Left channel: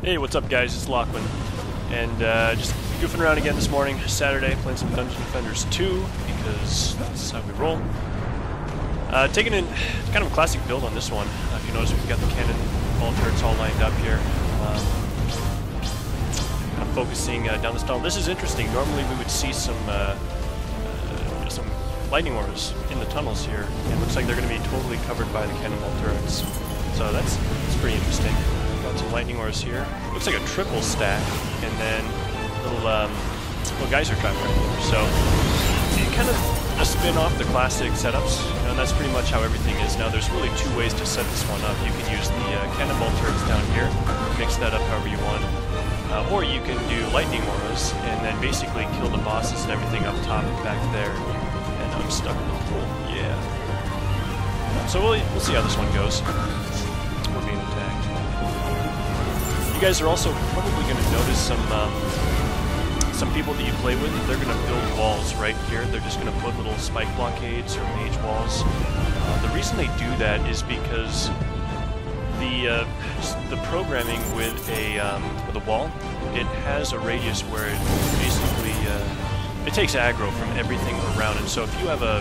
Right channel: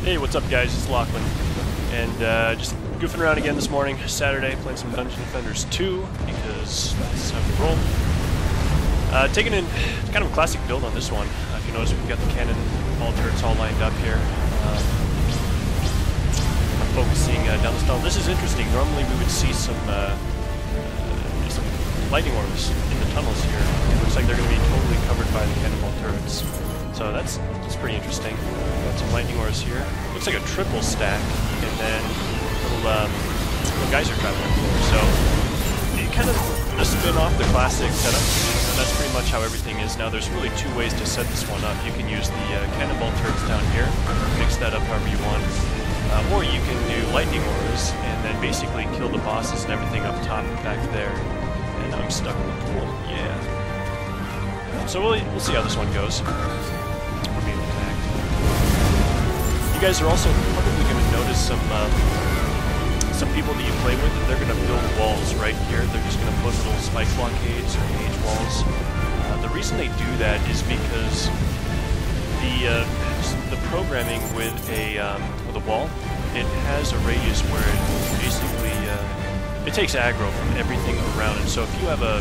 Hey, what's up guys, it's Lachlan, and just goofing around again this morning, Saturday, playing some Dungeon Defenders 2, because that's how we roll. Taking in kind of a classic build on this one. If you notice, we've got the cannon ball turrets all lined up here. Kind of focusing down this tunnel. This is interesting. Normally we would see some lightning auras in the tunnels here. It looks like they're going to be totally covered by the cannonball turrets. So that's pretty interesting. Got some lightning auras here. Looks like a triple stack, and then little geyser trap right there. So you kind of a spin off the classic setups, and that's pretty much how everything is now. There's really two ways to set this one up. You can use the cannonball turrets down here, mix that up however you want, or you can do lightning auras and then basically kill the bosses and everything up top and back there. And I'm stuck in the pool. Yeah. So we'll see how this one goes. We're being attacked. You guys are also probably going to notice some people that you play with. They're going to build walls right here. They're just going to put little spike blockades or mage walls. The reason they do that is because the programming with a wall, it has a radius where it basically it takes aggro from everything around. And so if you have a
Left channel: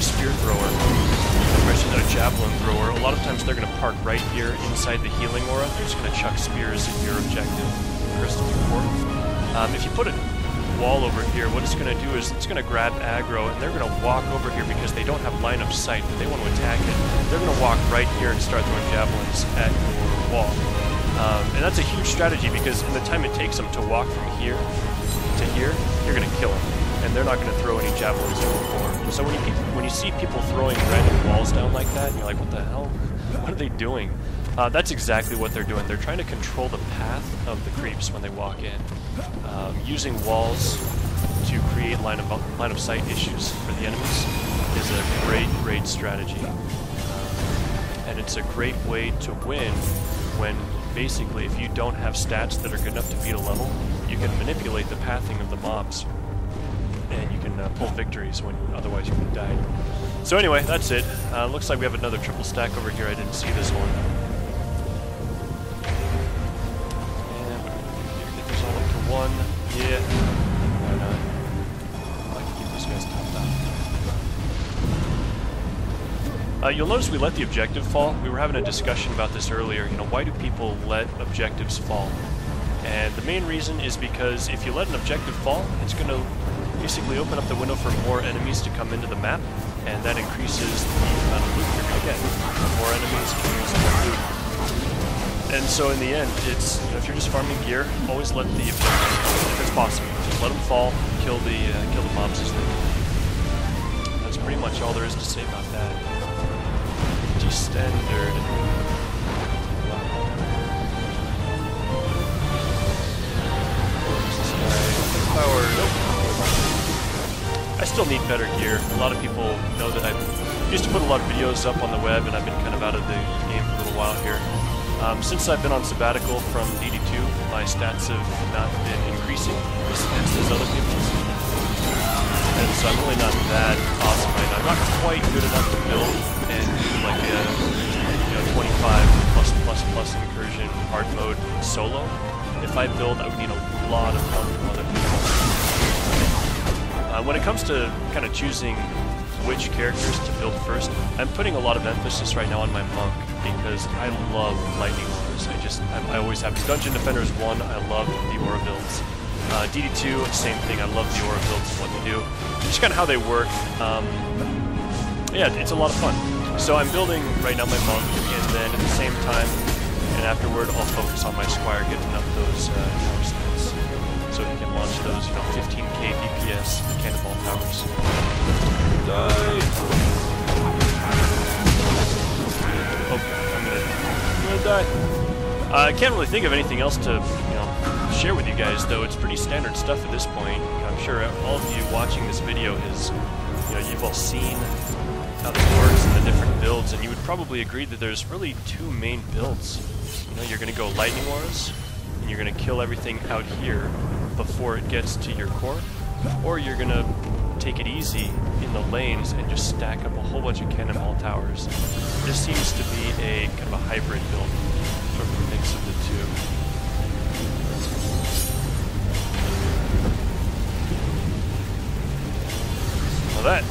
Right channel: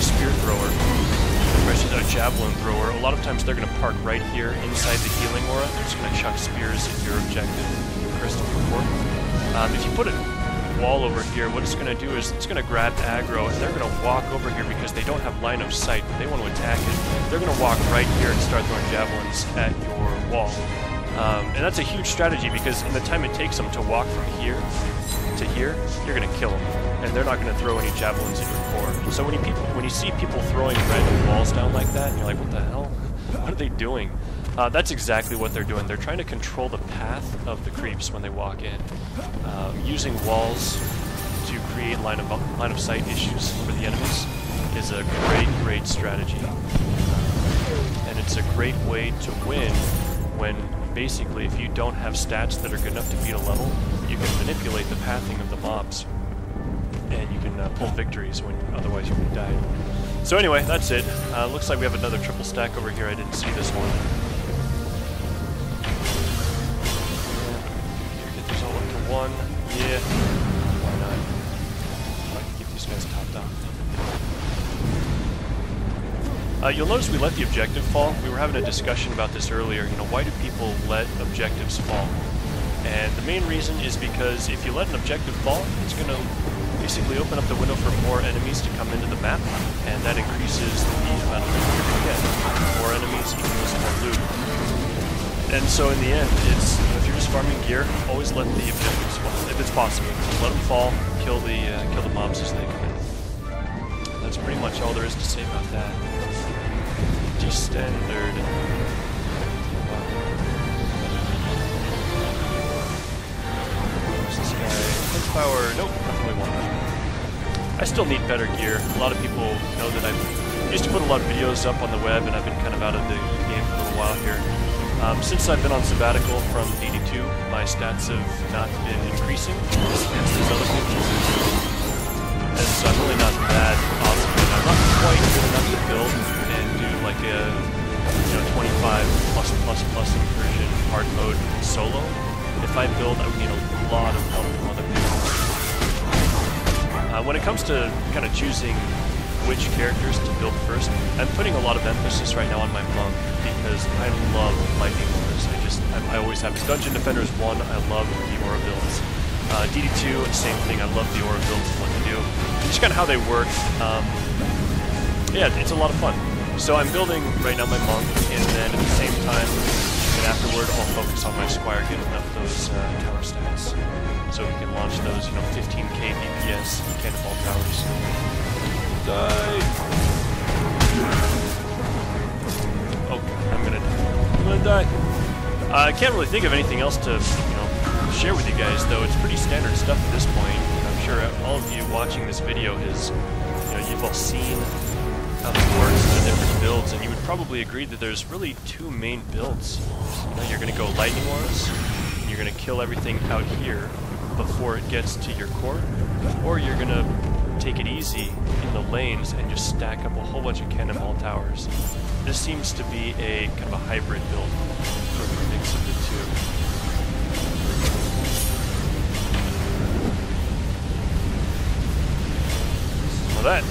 spear thrower, especially a javelin thrower, a lot of times they're going to park right here inside the healing aura. They're just going to chuck spears at your objective, crest of your core. If you put a wall over here, what it's going to do is it's going to grab aggro, and they're going to walk over here because they don't have line of sight, but they want to attack it. They're going to walk right here and start throwing javelins at your wall. And that's a huge strategy because in the time it takes them to walk from here to here, you're going to kill them. And they're not going to throw any javelins in your core. And so when you see people throwing random walls down like that, and you're like, what the hell? What are they doing? That's exactly what they're doing. They're trying to control the path of the creeps when they walk in. Using walls to create line of sight issues for the enemies is a great strategy. And it's a great way to win when basically if you don't have stats that are good enough to beat a level, you can manipulate the pathing of the mobs. And you can pull victories when otherwise you would have died. So anyway, that's it. Looks like we have another triple stack over here. I didn't see this one. Yeah, get these all up to one. Yeah, why not? I like to keep these guys topped off. You'll notice we let the objective fall. We were having a discussion about this earlier. You know, why do people let objectives fall? And the main reason is because if you let an objective fall, it's going to basically open up the window for more enemies to come into the map, and that increases the amount of loot you're going to get. More enemies equals more loot. And so in the end, it's, you know, if you're just farming gear, always let the objectives fall, if it's possible. Just let them fall, kill the mobs as they come in. And that's pretty much all there is to say about that. Standard. Wow. This guy, defense power, nope, we won't. I still need better gear. A lot of people know that I used to put a lot of videos up on the web, and I've been kind of out of the game for a little while here. Since I've been on sabbatical from DD2, my stats have not been increasing as fast as other people's. And so I'm really not that awesome, and I'm not quite good enough to build and do like a 25+++ incursion hard mode solo. If I build, I would need a lot of help from other people. When it comes to kind of choosing which characters to build first, I'm putting a lot of emphasis right now on my monk because I love lightning auras. I always have. In Dungeon Defenders 1, I loved the aura builds. DD2, same thing. I love the aura builds and what they do. Just kind of how they work. Yeah, it's a lot of fun. So I'm building right now my monk, and then at the same time, and afterward, I'll focus on my squire getting up those tower stats, so he can launch those, 15k DPS cannonball towers. Die! Oh god, I'm gonna die. I can't really think of anything else to, share with you guys, though. It's pretty standard stuff at this point. I'm sure all of you watching this video is, you've all seen how this works and the different builds, and you would probably agree that there's really two main builds. You're going to go lightning auras, and you're going to kill everything out here before it gets to your core, or you're going to take it easy in the lanes and just stack up a whole bunch of cannonball towers. This seems to be a kind of a hybrid build. sort of a mix of the two. Well, that.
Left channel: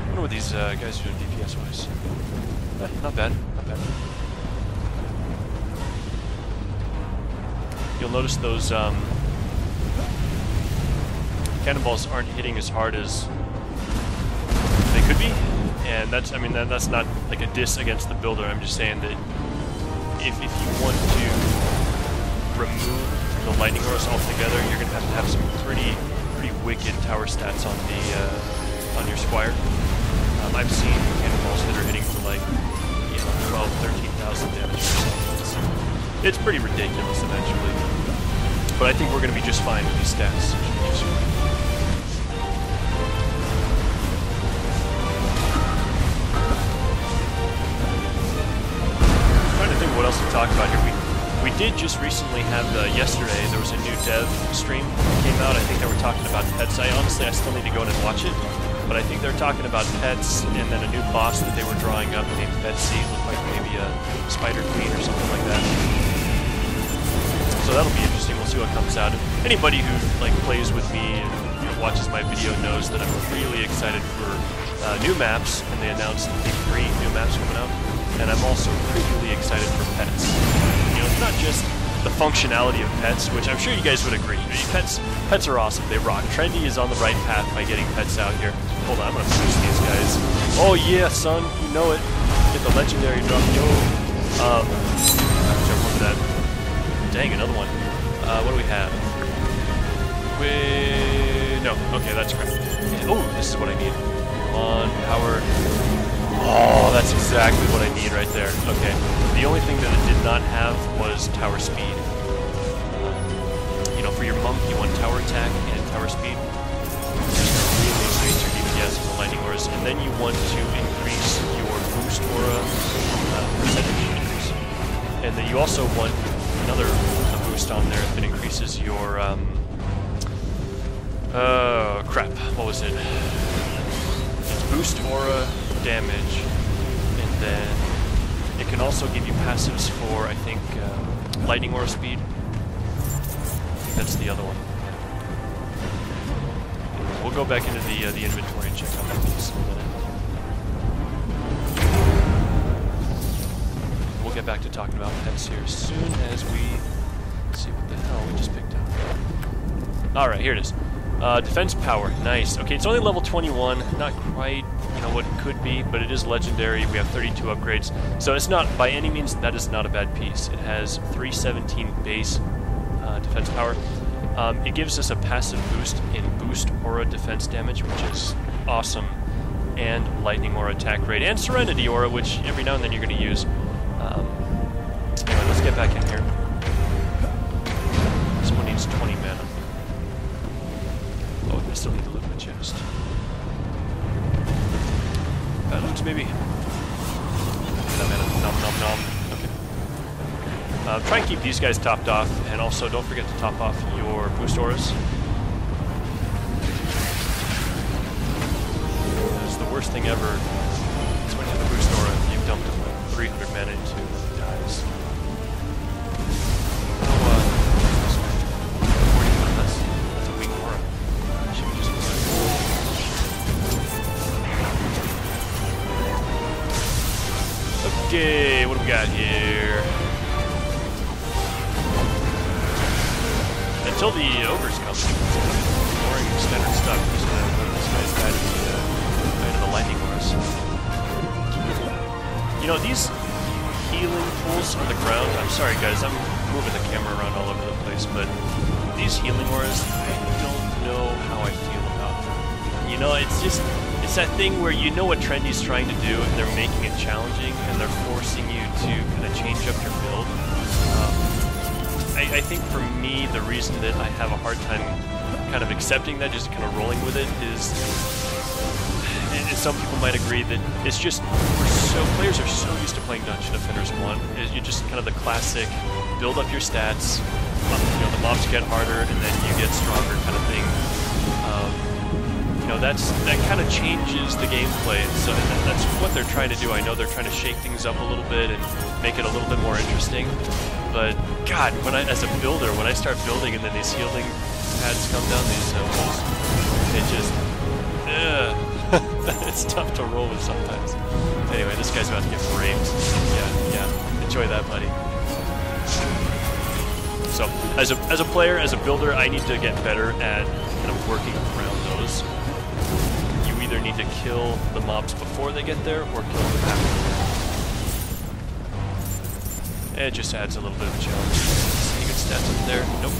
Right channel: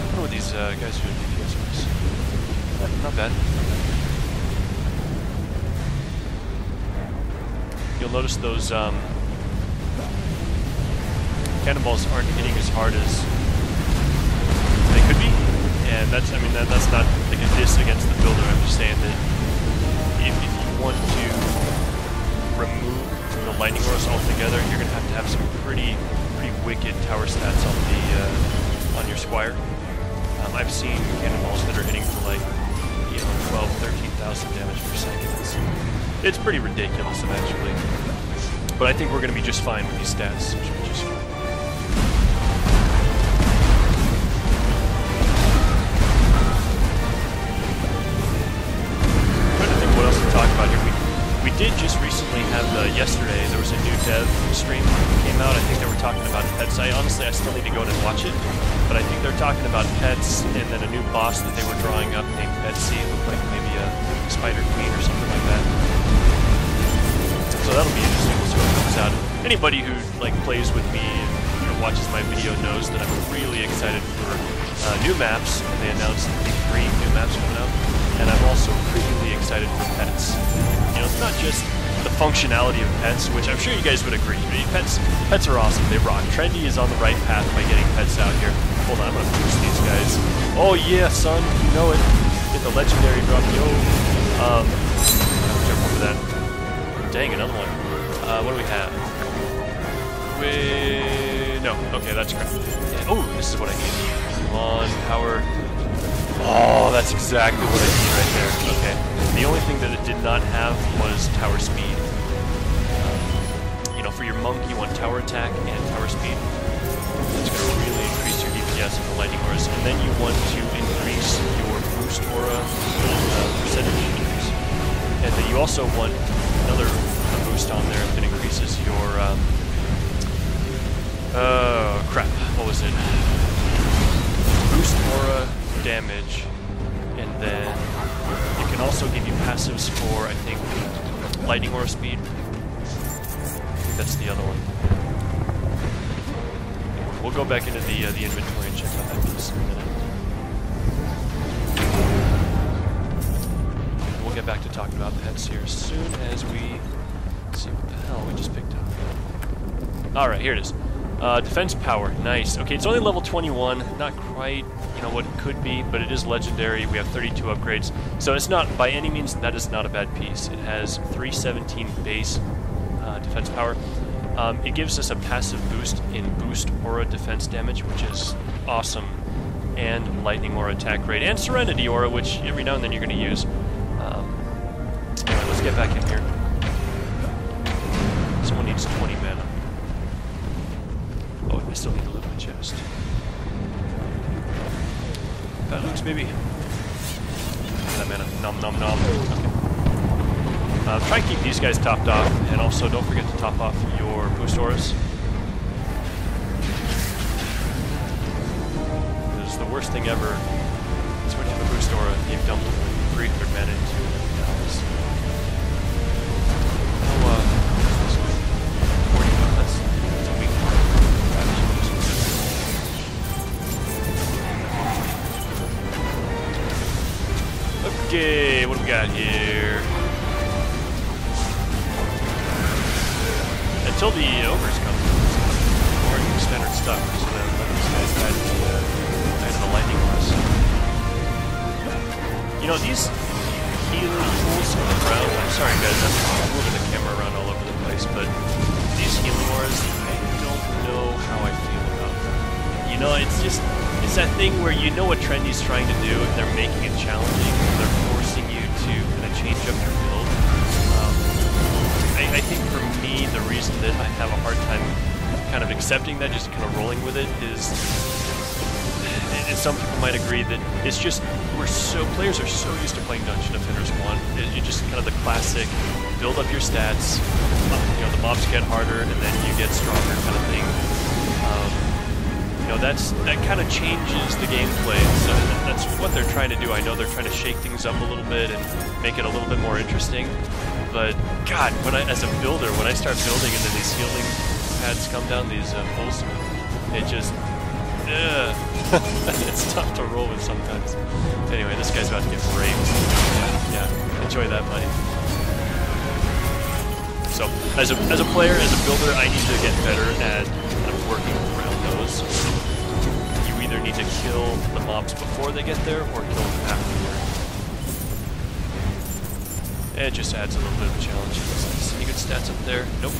I wonder what these guys are doing DPS-wise. Not bad, not bad. You'll notice those cannonballs aren't hitting as hard as they could be, and that's, I mean, that's not like a diss against the builder. I'm just saying that if you want to remove the lightning auras altogether, you're gonna have to have some pretty wicked tower stats on the on your squire. I've seen cannonballs that are hitting for like, you know, 12, 13,000 damage per second. It's pretty ridiculous eventually, but I think we're gonna be just fine with these stats. Should be just fine. What else to talk about here? We did just recently have, yesterday, there was a new dev stream that came out. I think they were talking about pets. I still need to go in and watch it, but I think they're talking about pets and then a new boss that they were drawing up named Betsy. It looked like maybe a spider queen or something like that. So that'll be interesting. We'll see what comes out. And anybody who like plays with me and, you know, watches my video knows that I'm really excited for new maps, and they announced the 3 new maps coming out. And I'm also really excited for pets. You know, it's not just the functionality of pets, which I'm sure you guys would agree. Pets are awesome. They rock. Trendy is on the right path by getting pets out here. Hold on, I'm gonna boost these guys. Oh yeah, son, you know it. Get the legendary drop, yo. I'll jump over that. Dang, another one. What do we have? No. Okay, that's crap. Yeah. Oh, this is what I need. Come on, power. Oh, that's exactly what I need right there. Okay. The only thing that it did not have was tower speed. You know, for your monk, you want tower attack and tower speed. It's going to really increase your DPS and the lightning auras. And then you want to increase your boost aura percentage increase. And then you also want another boost on there that increases your... crap. What was it? Boost aura damage, and then it can also give you passives for, I think, lightning aura speed. I think that's the other one. Anyway, we'll go back into the inventory and check out that piece in a minute. And we'll get back to talking about pets here as soon as we see what the hell we just picked up. All right, here it is. Defense power, nice. Okay, it's only level 21, not quite, you know, what it could be, but it is legendary. We have 32 upgrades, so it's not, by any means, that is not a bad piece. It has 317 base defense power. It gives us a passive boost in boost aura defense damage, which is awesome, and lightning aura attack rate, and serenity aura, which every now and then you're going to use. Anyway, let's get back in here. Someone needs 20 mana. Oh, I still need to loot my chest. Bad looks, baby. Get that mana. Nom nom nom. Okay. Try and keep these guys topped off, and also don't forget to top off your boost auras. Because the worst thing ever is when you have a boost aura and you've dumped like 300 mana into it and then it dies. Oh, this way. 40, that's a weak aura. Okay, what do we got here? Until the ogres come, it's kind of boring standard stuff. We're just gonna let these guys die to the lightning auras. You know, these healing pools on the ground, I'm sorry guys, I'm moving the camera around all over the place, but these healing auras, I don't know how I feel about them. You know, it's that thing where you know what Trendy's trying to do, and they're making it challenging, and they're forcing you to kind of change up your build. I think for me, the reason that I have a hard time kind of accepting that, just kind of rolling with it, is, and some people might agree that it's just, players are so used to playing Dungeon Defenders 1, you just kind of the classic, build up your stats, you know, the mobs get harder, and then you get stronger kind of thing. you know, that kind of changes the gameplay. So that's what they're trying to do. I know they're trying to shake things up a little bit and make it a little bit more interesting. But God, as a builder, when I start building and then these healing pads come down, these poles, it just, it's tough to roll with sometimes. Anyway, this guy's about to get raped. Yeah, enjoy that, buddy. So, as a player, as a builder, I need to get better at kind of working around those. You either need to kill the mobs before they get there, or kill them after. It just adds a little bit of a challenge. Any good stats up there? Nope.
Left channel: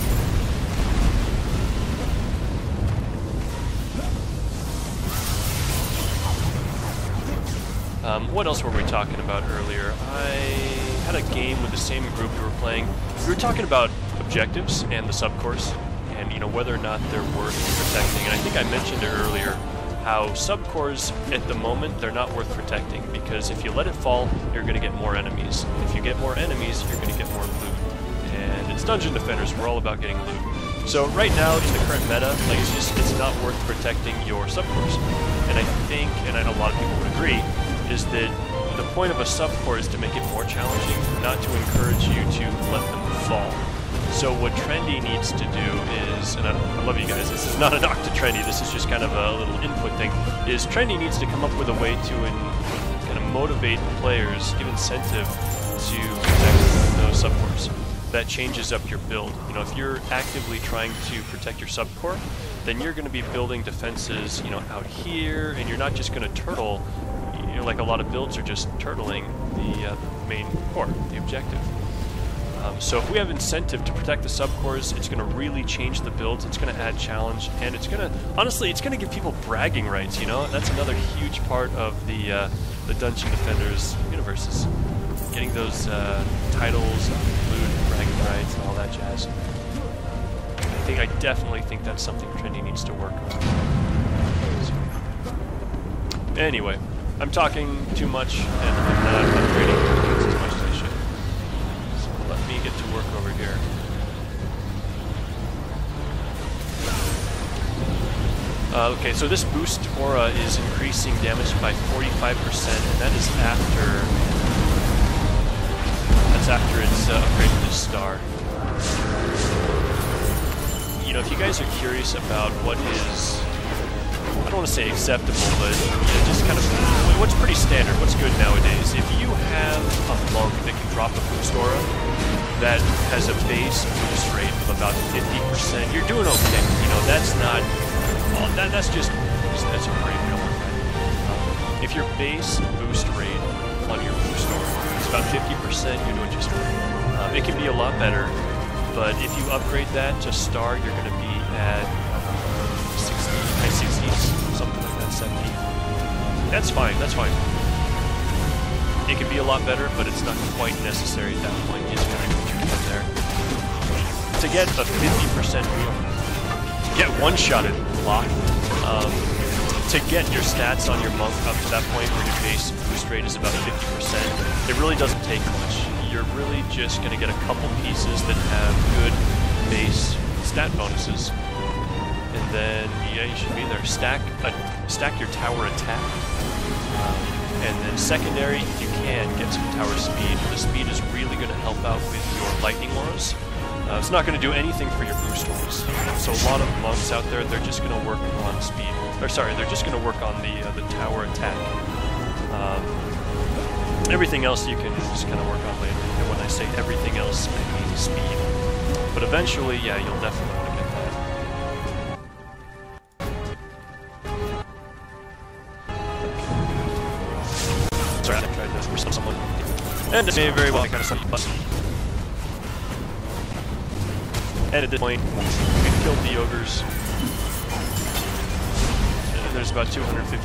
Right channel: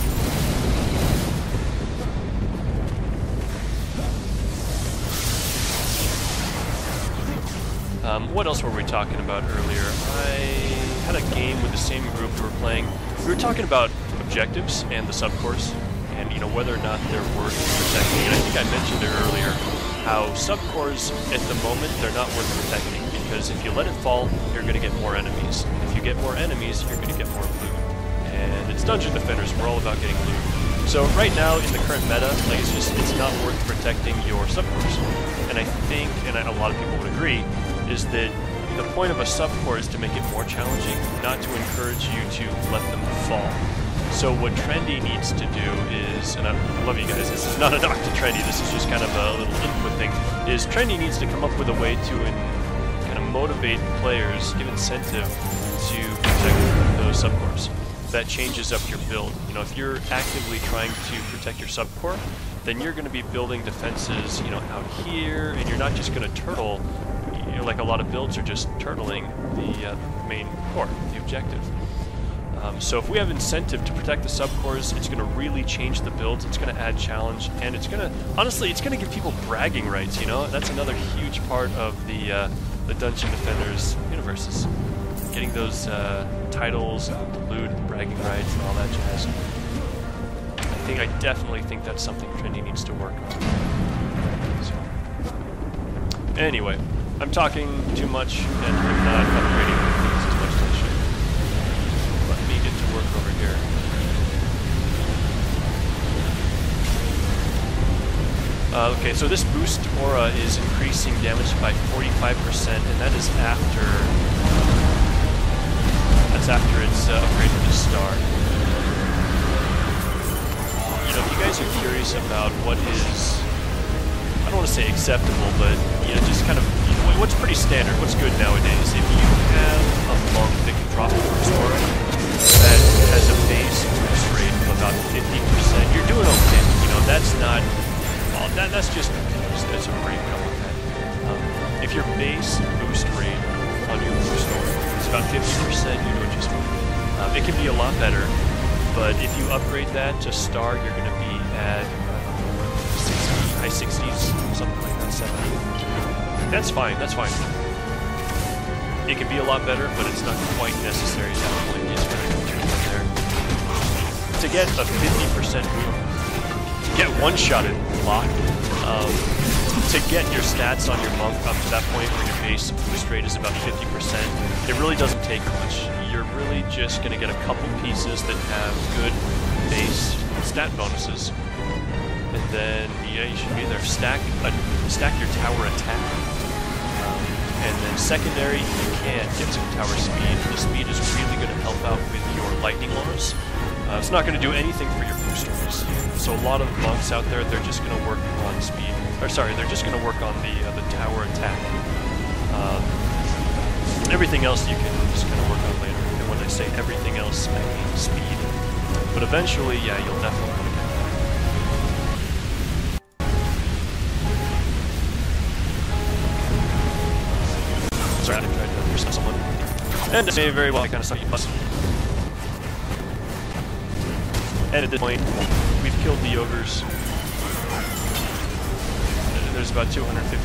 What else were we talking about earlier? I had a game with the same group who were playing. We were talking about objectives and the subcores, and you know whether or not they're worth protecting. And I think I mentioned it earlier how subcores at the moment they're not worth protecting because if you let it fall, you're going to get more enemies. And if you get more enemies, you're going to get more loot. And it's Dungeon Defenders. We're all about getting loot. So right now in the current meta, like it's not worth protecting your subcores. And I think, and a lot of people would agree, is that the point of a subcore is to make it more challenging, not to encourage you to let them fall. So what Trendy needs to do is, and I love you guys, this is not a knock to Trendy, this is just kind of a little input thing, is Trendy needs to come up with a way to kind of motivate players, give incentive to protect those subcores. That changes up your build. You know, if you're actively trying to protect your subcore, then you're going to be building defenses, you know, out here, and you're not just going to turtle. You know, like a lot of builds are just turtling the main core, the objective. So if we have incentive to protect the subcores, it's going to really change the builds, it's going to add challenge, and it's going to, honestly, it's going to give people bragging rights, you know? That's another huge part of the Dungeon Defenders universe, getting those titles, loot, bragging rights, and all that jazz. I definitely think that's something Trendy needs to work on. So. Anyway, I'm talking too much, and I'm not upgrading things as much as I should. So let me get to work over here. Okay, so this boost aura is increasing damage by 45%, and that is after it's upgraded to star. You know, if you guys are curious about what is, I don't want to say acceptable, but you know, just kind of what's pretty standard, what's good nowadays. If you have a monk that can drop a boost aura that has a base boost rate of about 50%, you're doing okay. You know, that's not, well, that's just as a brief, I don't want that. If your base boost rate on your boost aura is about 50%, you're doing just fine. It can be a lot better, but if you upgrade that to star, you're going to be at 60, high 60s, something like that, 70. That's fine, that's fine. It could be a lot better, but it's not quite necessary at that point. It's going to go from there. To get a 50% boom, get one-shotted block, to get your stats on your monk up to that point where your base boost rate is about 50%, it really doesn't take much. You're really just going to get a couple pieces that have good base stat bonuses. And then, yeah, you should be there. Stack your tower attack. And then secondary, you can get some tower speed. The speed is really going to help out with your lightning auras. It's not going to do anything for your boost auras. So a lot of monks out there, they're just going to work on speed. Or sorry, they're just going to work on the tower attack. Everything else you can just kind of work on later. And when I say everything else, I mean speed. But eventually, yeah, you'll definitely want to get that. Sorry, I tried to pursue someone. And it may very well kind of suck you plus. And at this point, we've killed the ogres. There's about 250